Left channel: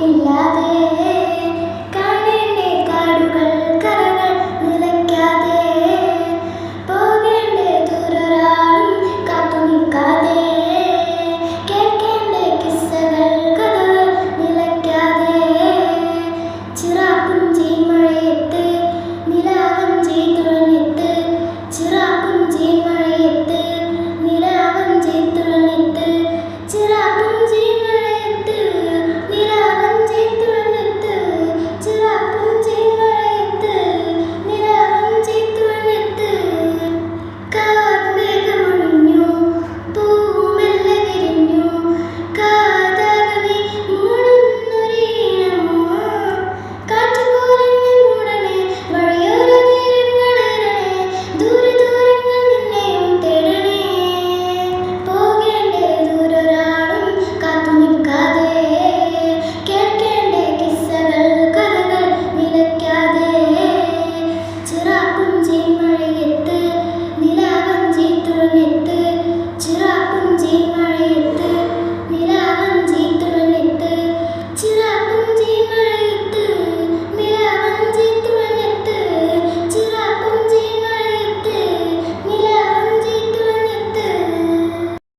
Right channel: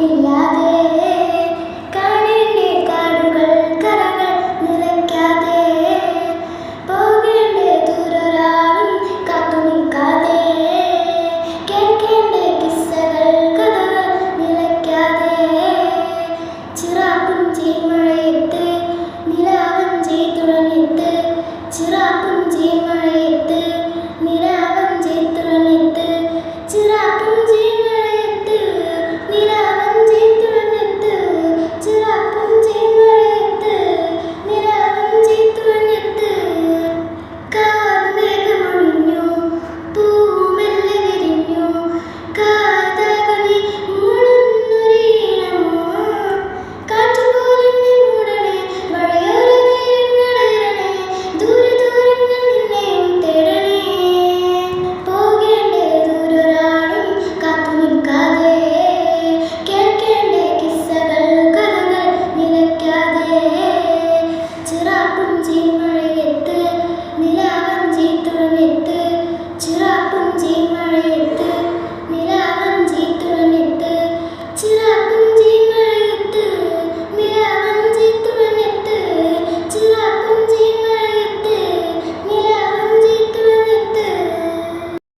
കൂട്ടിനില്ലാതെ കാണേണ്ടേ കാടുകൾ കരകൾ നിലയ്ക്കാതെ പോകേണ്ടേ ദൂരൊരാളും കാത്തു നിൽക്കാതെ കേൾക്കേണ്ടേ കിസ്സകൾ കഥകൾ നിലയ്ക്കാതെ ചിറാപ്പുഞ്ചി മഴയത്ത് നിലാവഞ്ചി തുഴഞ്ഞെത്ത് ചിറാപ്പുഞ്ചി മഴയത്ത് നിലാവഞ്ചി തുഴഞ്ഞെത്ത് ചിറാപ്പുഞ്ചി മഴയത്ത് നിലാവഞ്ചി തുഴഞ്ഞെത്ത് ചിറാപ്പുഞ്ചി മഴയത്ത് നിലാവഞ്ചി തുഴഞ്ഞെത്ത് കാർമേഘമൊഴിഞ്ഞു പൂമെല്ലെ വിരിഞ്ഞു കാതകമേ മൂടുന്നൊരീണമോ കാറ്റുപോലെന്നെ മൂടണേ വഴിയോര നേരങ്ങളേറണേ ദൂരെ ദൂരങ്ങൾ നിന്നെയും തേടണേ പോകേണ്ടേ ദൂരൊരാളും കാത്തു നിൽക്കാതെ കേൾക്കേണ്ടേ കിസ്സകൾ കഥകൾ നിലയ്ക്കാതെ ചിറാപ്പുഞ്ചി മഴയത്ത് നിലാവഞ്ചി തുഴഞ്ഞെത്ത് ചിറാപ്പുഞ്ചി മഴ